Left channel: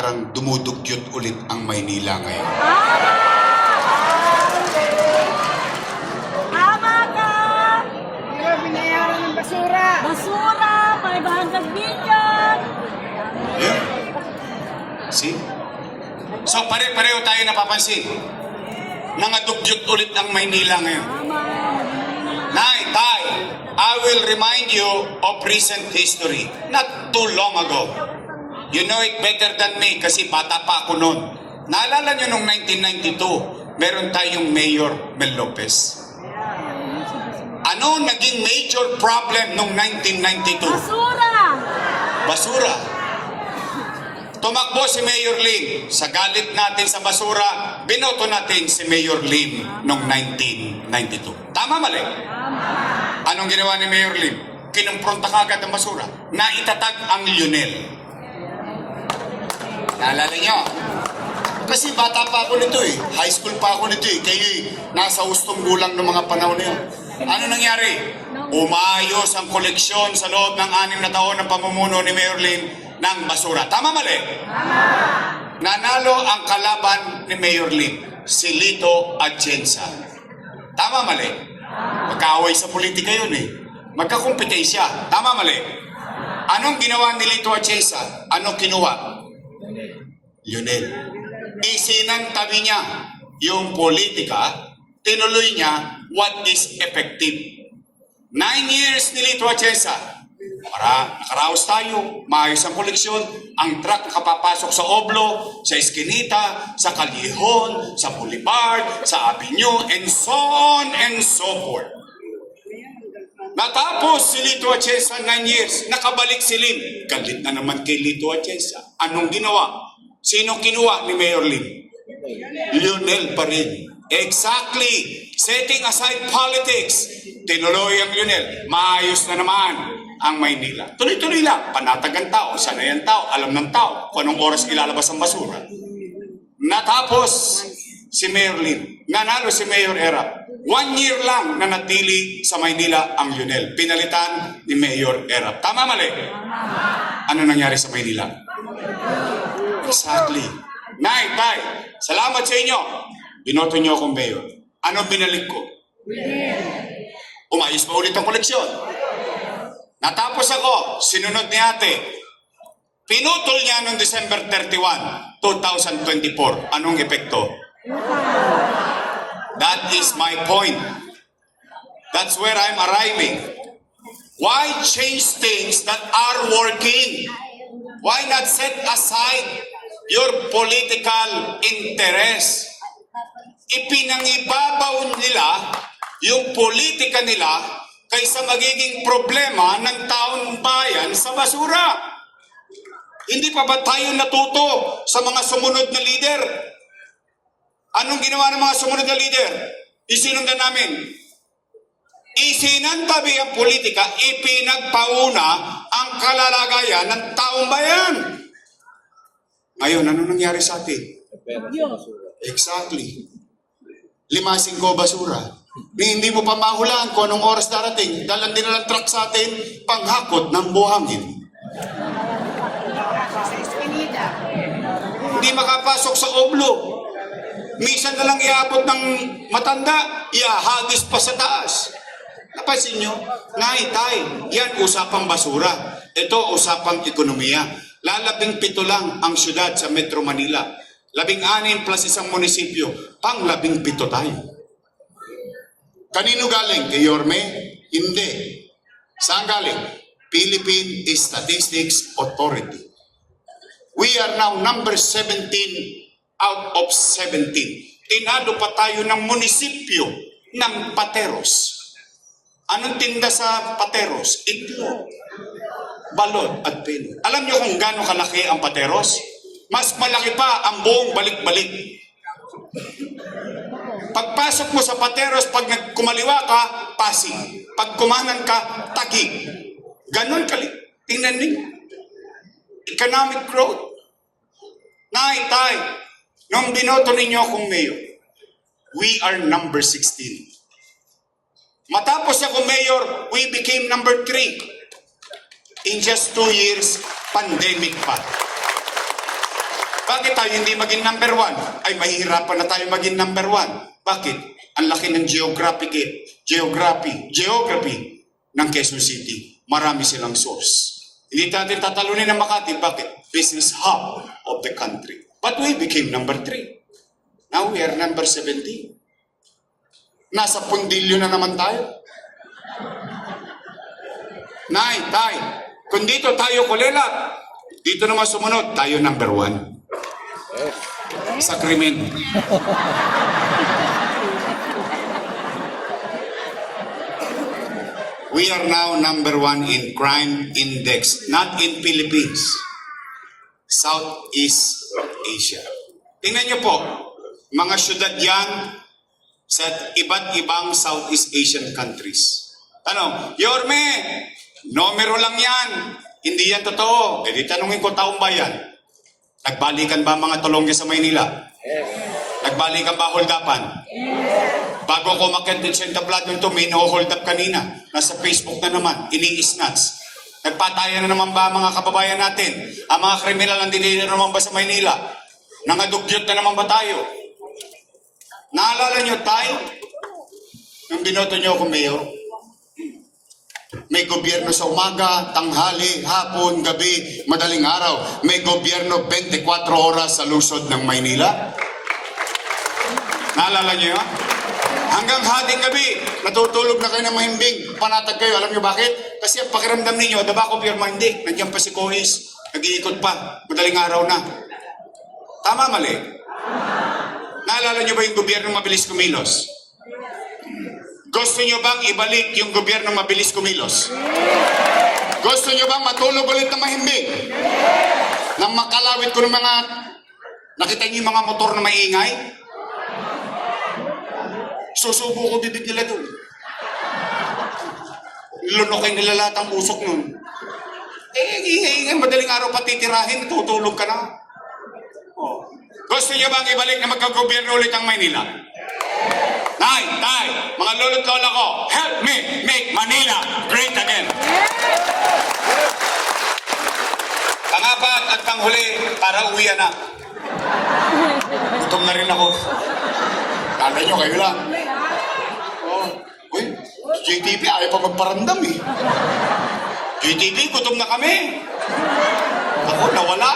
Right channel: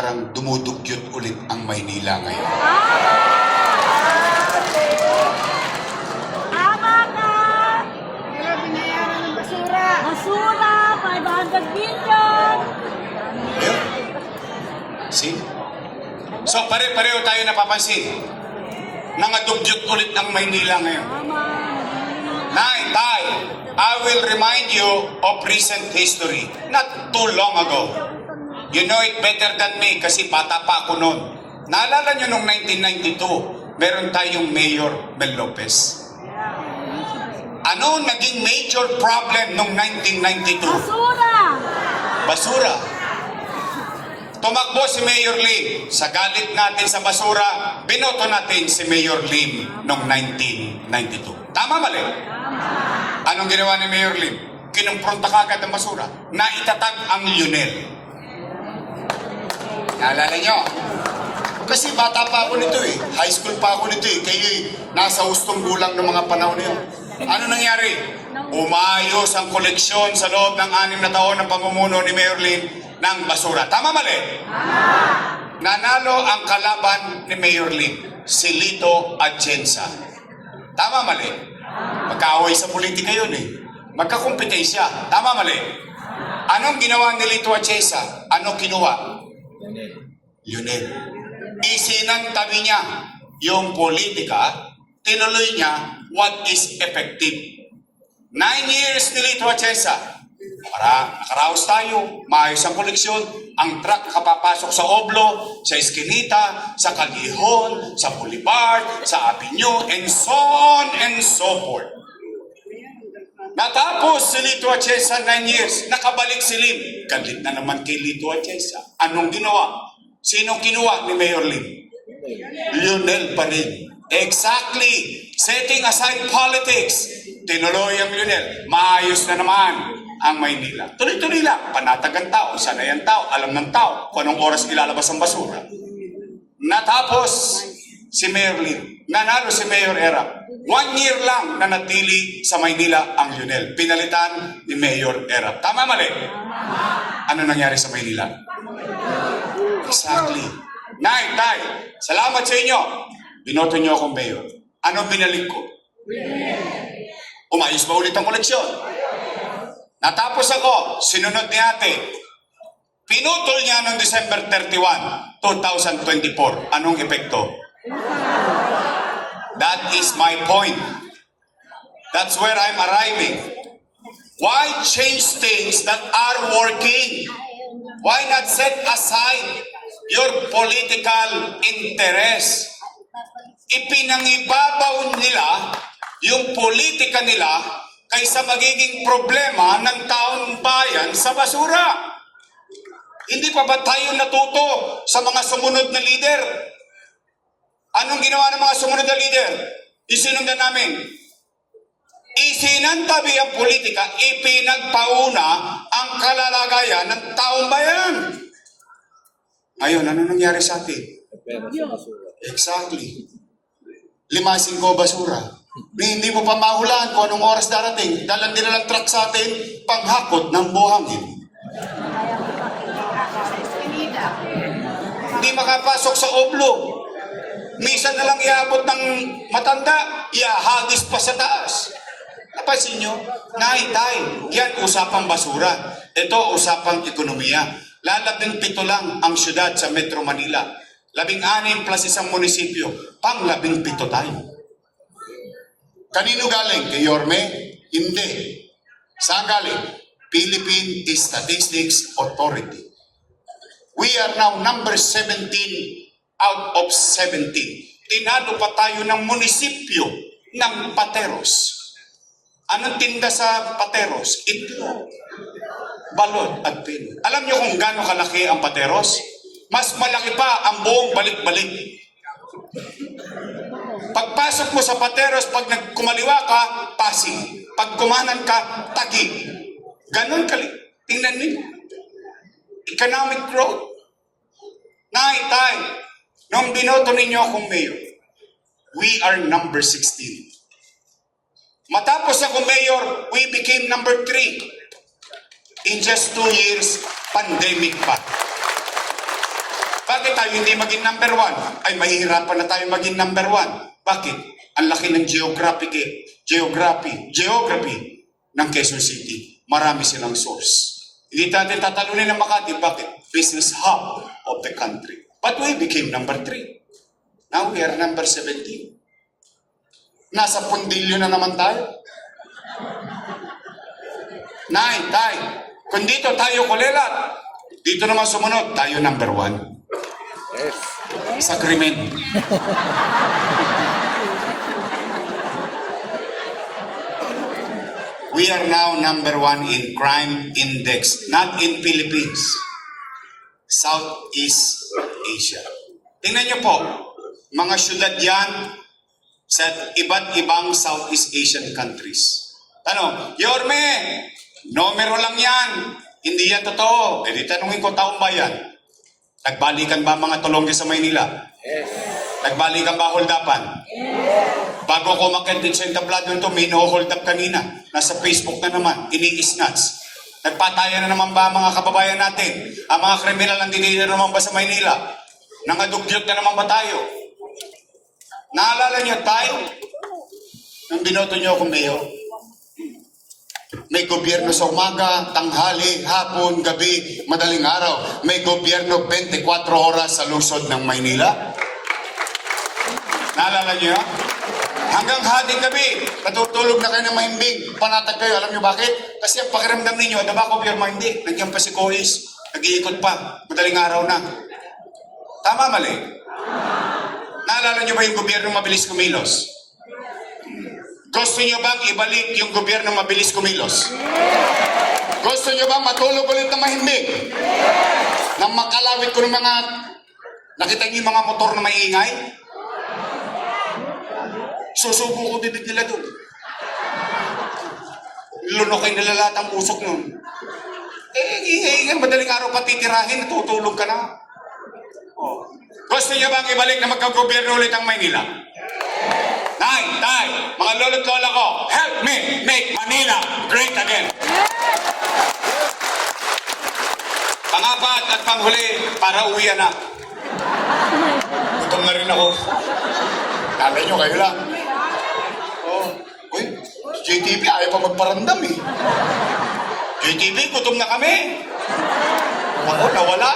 parang dumudugyot ulit ang Maynila ngayon. Tama ka! Pero binayaran ng basura. Basura, 500 million! Ayun. See? So pare-pareho tayo napapansin. Nangadugyot ulit ang Maynila ngayon. Nay, Tay, I will remind you of recent history. Not too long ago. You know it better than me kasi bata pa ako noon. Naalala nyo nung 1992, meron tayong Mayor Mel Lopez. Ano naging major problem nung 1992? Basura! Basura. Tumakbo si Mayor Lim. Sa galit natin sa basura, binoto natin si Mayor Lim noong 1992. Tama mali? Anong ginawa ni Mayor Lim? Kinumpronta kagad ang basura. Naitatag ang Lionel. Naalala nyo? Kasi bata pa ako nito eh. High school pa ako nito eh. Kayo'y nasa hustong gulang ng mga panahon na yun. Ano nangyari? Umayos ang koleksyon sa loob ng 6 na taon ng pamumuno ni Mayor Lim ng basura. Tama mali? Nanalo ang kalaban ni Mayor Lim, si Lito Atienza. Tama mali? Magkaaway sa politika yun eh. Magkakumpetensya. Tama mali? Anong ginawa ni Lito Atienza? Anong kinuha? Lionel. Isinantabi niya yung politika, tinuloy niya what is effective. 9 years ni Lito Atienza. Para nakaraos tayo, maayos ang koleksyon, ang truck nakapapasok sa Oblo, sa Eskinita, sa Calihon, sa Boulevard, sa Avenue, and so on and so forth. Natapos si Lito Atienza 9 years, nakabalik si Lim. Galit na naman kay Lito Atienza. Anong ginawa? Sino kinuha ni Mayor Lim? Lionel pa rin. Exactly. Setting aside politics, tinuloy ang Lionel. Maayos na naman ang Maynila. Tuloy-tuloy lang. Panatag ang tao, sanay ang tao, alam ng tao kung anong oras ilalabas ang basura. Natapos si Mayor Lim. Nanalo si Mayor Erap. 1 year lang na natili sa Maynila ang Lionel. Pinalitan ni Mayor Erap. Tama mali? Ano nangyari sa Maynila? Exactly. Nay, Tay, salamat sa inyo. Binoto niyo akong mayor. Ano binalik ko? Umayos ba ulit ang koleksyon? Natapos ako, sinunod ni ate. Pinutol niya noong December 31, 2024. Anong epekto? That is my point. That's where I'm arriving. Why change things that are working? Why not set aside your political interest? Ipinangibabaw nila yung politika nila kaysa magiging problema ng taong bayan sa basura. Hindi pa ba tayo natuto sa mga sumunod na leader? Anong ginawa ng mga sumunod na leader? Isinundan namin. Isinantabi ang politika, ipinagpauna ang kalalagayan ng taong bayan. Ngayon, ano nangyari sa atin? Exactly. 5-5 basura. Hindi mo pa mahulaan kung anong oras darating. Dalan din ng truck sa atin, panghakot ng buhangin. Hindi makapasok sa Oblo. Minsan na lang iabot ng matanda, iahagis pa sa taas. Napansin nyo? Nay, Tay, yan usapang basura. Ito usapang ekonomiya. Lalabing 7 lang ang syudad sa Metro Manila. 16 plus isang munisipyo, pang 17 tayo. Kanino galing? Kay Yorme? Hindi. Saan galing? Philippine Statistics Authority. We are now number 17 out of 17. Tinalo pa tayo ng munisipyo ng Pateros. Anong tinda sa Pateros? Itlog, balot at pino. Alam niyo kung gaano kalaki ang Pateros? Mas malaki pa ang buong balik-balik. Pagpasok mo sa Pateros, pag kumaliwa ka, Pasig. Pag kumanan ka, Taguig. Ganon kali. Tingnan niyo. Economic growth. Nay, Tay, nung binoto ninyo akong mayor, we are number 16. Matapos ako mayor, we became number 3. In just 2 years, pandemic pa. Bakit tayo hindi maging number one? Ay, mahihirapan na tayo maging number one. Bakit? Ang laki ng geography ng Quezon City. Marami silang source. Hindi natin tatalunin ng Makati. Bakit? Business hub of the country. But we became number 3. Now we are number 17. Nasa pundilyo na naman tayo. Nay, tay, kung dito tayo kulilat, dito naman sumunod, tayo number 1. Sa krimen. We are now number 1 in crime index, not in Philippines. Southeast Asia. Tingnan niyo po, mga syudad yan sa iba't ibang Southeast Asian countries. Ano, Yorme, numero lang yan. Hindi yan totoo. E di tanungin ko, taong bayan, nagbalikan ba mga tulongge sa Maynila? Nagbalikan ba holdapan? Bago ako umakyat din sa entablado ito, may no-hold up kanina. Nasa Facebook na naman, ini-snatch. Nagpatayan na naman ba mga kababayan natin? Ang mga kriminal nandito na naman ba sa Maynila? Nangadugyot na naman ba tayo? Naalala niyo tayo? Nung binoto niyo ako mayor, may gobyerno sa umaga, tanghali, hapon, gabi, madaling araw. May gobyerno 24 oras sa lungsod ng Maynila. Naalala niyo? Hanggang hating gabi, natutulog na kayo ng mahimbing. Panatag kayo. Alam niyo bakit? Kasi ang pakiramdam ninyo, the back of your mind, nandiyan pa si Cois, nag-iikot pa, madaling araw na. Tama, mali? Naalala niyo ba yung gobyerno mabilis kumilos? Gusto niyo bang ibalik yung gobyerno mabilis kumilos? Gusto niyo bang matulog ulit na mahimbing? Nang makalawit ko ng mga... Nakita niyo yung mga motor na maingay? Susubo ko bibig nila doon. Lunokay nila lahat ang usok nun. Madaling araw pa titirahin, tutulog ka na. Oh. Gusto niyo bang ibalik na magkagobyerno ulit ang Maynila? Nay, tay, mga lolo't lola ko, help me make Manila great again. Pangapat at panghuli, para uwian na. Gutom na rin ako. Tatay nyo, kayo lang. Oh, uy, JTV ayaw pa magparandam eh. JTV, gutom na kami. Ako, nawala.